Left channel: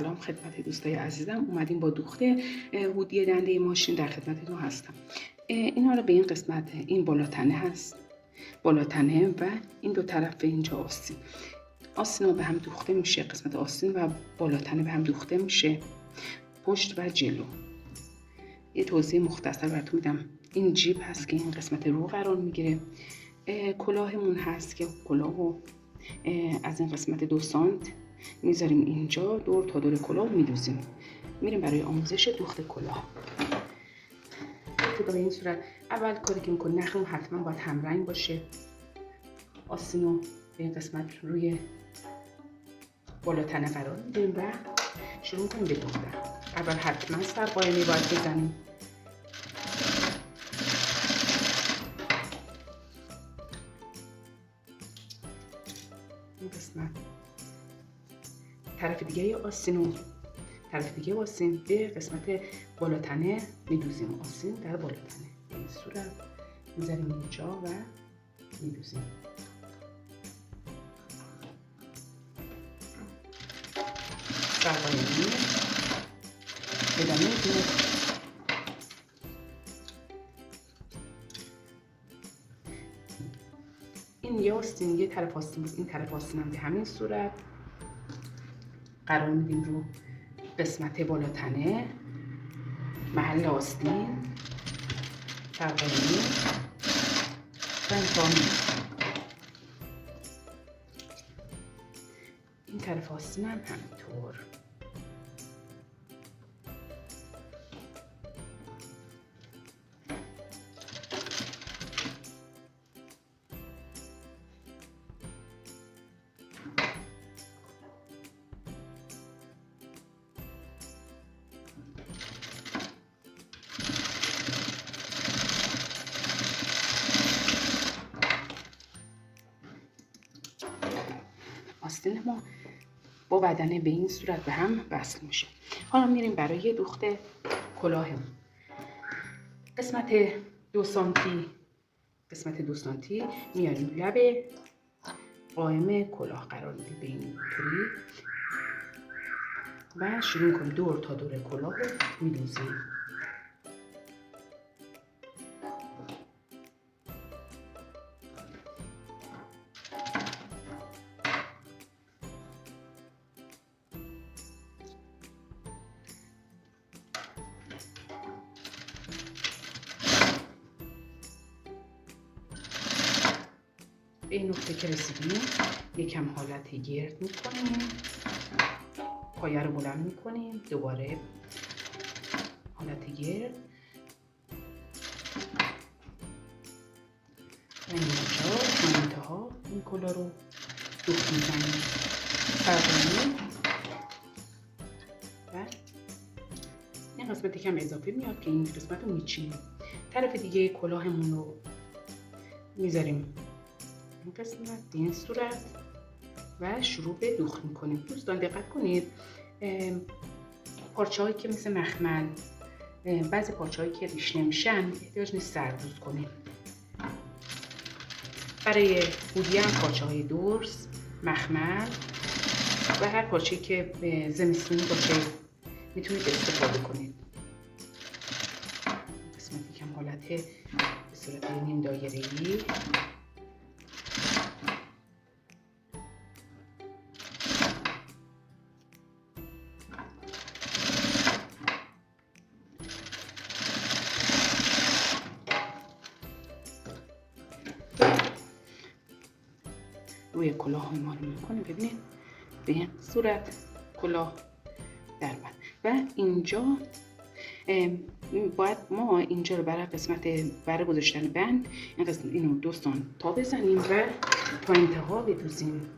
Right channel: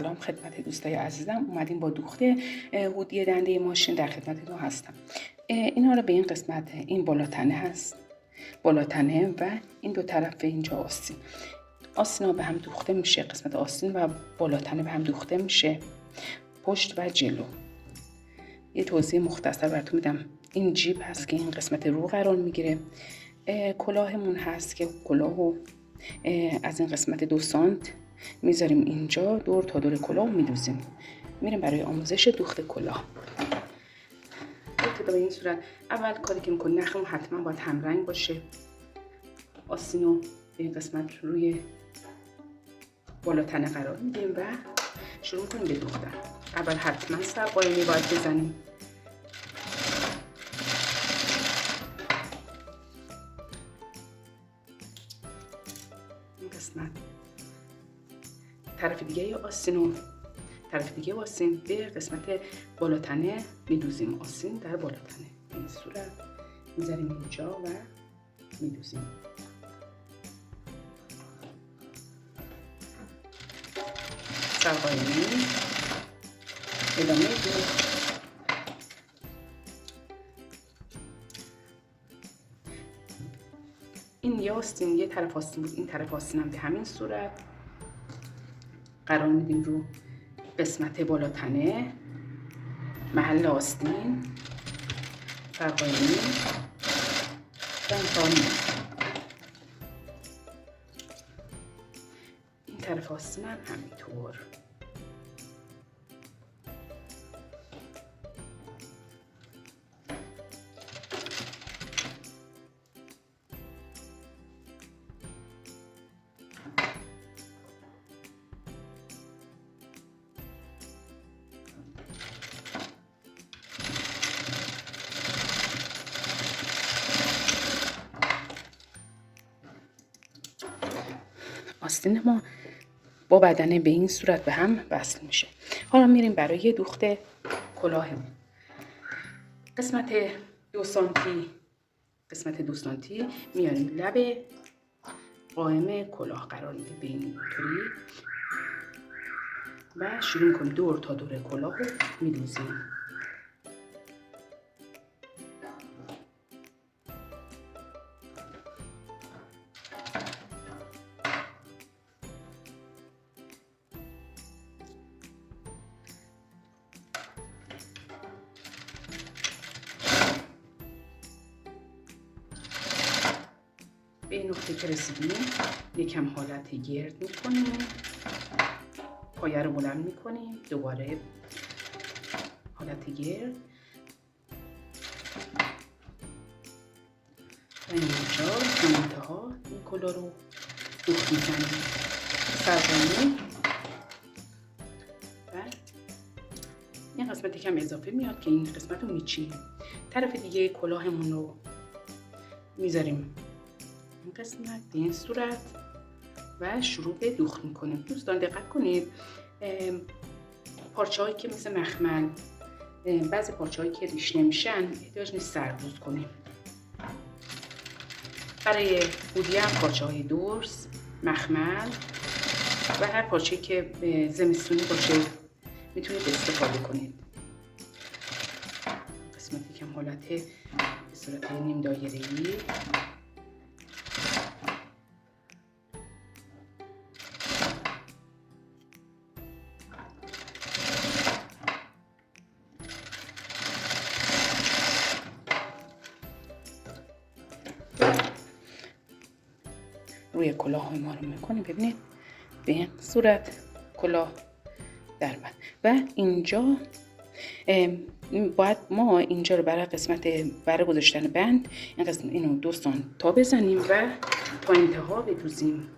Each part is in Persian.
سلام خدمت دوستای عزیزم. اومدیم با دوخته هودی دنده ماشین در خدمتتون هستم. اینا رو به این قسمت، این بالاتنه هست، بالاتنه و این دو طرف اینجا آستینا به هم دوخته میشه. قسمت آستین و بالاتنه به هم دوخته میشه، پشت و جلو. یه توضیح مختصر براتون میدم. این جیب هست که این قسمت رو قرار میگیره. کلاهمون هست که کلاهو از این قسمت 2 سانت میذاریم اینجا، دور تا دور کلاه میدوزیم. میریم برای آموزش دوخت کلاه. به این صورت اول کاری که میکنیم، نخمون حتما باید همرنگ باشه. آستینو به این قسمت روی بالاتنه قرار میدیم و شروع میکنیم به دوختن. اول حتما سرقائمی باید بزنیم. این قسمت طرف دیگه آستین به قسمت بالاتنه میدوزیم. آستین در بالاتنه به این صورت میذاریم اینجا و میدوزیم. سرقائمی ادامه دوخت. این یه آستین، یه طرف آستین بود. این طرف آستین هم به همین صورت قرار میدیم رو قسمت بالاتنه، محل آستین، سرقائمی و امتحان. این طرف آستین هم همینطور. آستین ما با بدنه به این صورت به هم وصل میشه. حالا میریم برای دوخت کلاهمون. قسمت 2 سانتی میاریم لب قائم کلاه قرار میدیم به این طوری و شروع میکنیم دور تا دور کلاه رو میدوزیم. به این نقطه که رسیدیم یکم حالت گرد میکنیم، پایه رو بلند میکنیم، دوباره حالت گرد و اینجا به انتها این کلاه رو دوخت میزنیم. سرقائمی و این قسمت کم اضافه میاد که این قسمت رو میچینیم. طرف دیگه کلاهمون رو میذاریم این قسمت به این صورت و شروع به دوخت میکنیم. دوستان دقت کنید، پارچه هایی که مثل مخمل، بعضی پارچه هایی که ریش نمیشن احتیاج نیست سردوز کنیم. برای هودی هم پارچه های درز، مخمل و هر پارچه که زمستونی باشه میتونید استفاده کنید. قسمتی که حالت به صورت نیم دایره‌ای روی کلاه ما رو میکنیم. ببینید به این صورت کلاه در اومد و اینجا باید ما اینجا رو برای قسمت برای گذاشتن بند این قسمت اینو 2 سانت تا بزنیم و تا انتها بدوزیم.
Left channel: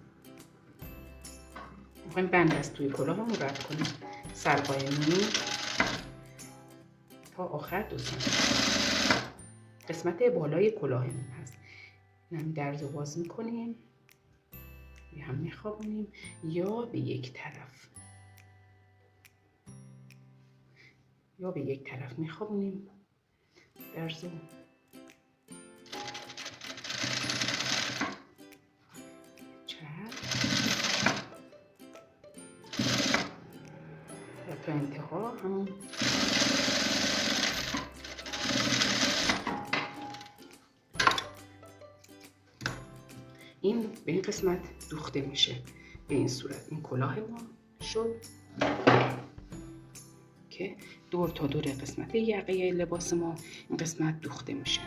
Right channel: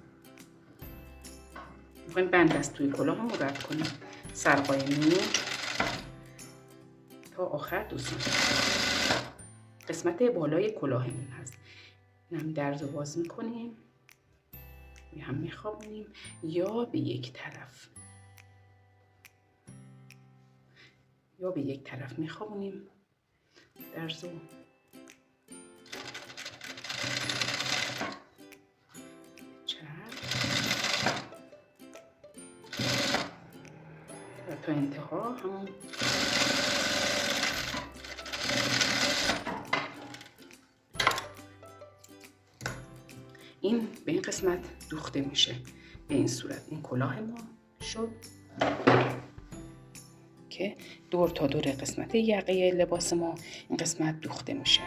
میخوایم بند از توی کلاه رو رد کنیم. سرقائمی تا آخر 2 سانت قسمت بالای کلاهمون هست. این هم درز رو باز میکنیم، هم میخوابونیم یا به یک طرف میخوابونیم درزو. تا انتها همون این به این قسمت دوخته میشه. به این صورت این کلاه ما شد که دور تا دور قسمت یقه لباس ما این قسمت دوخته میشه.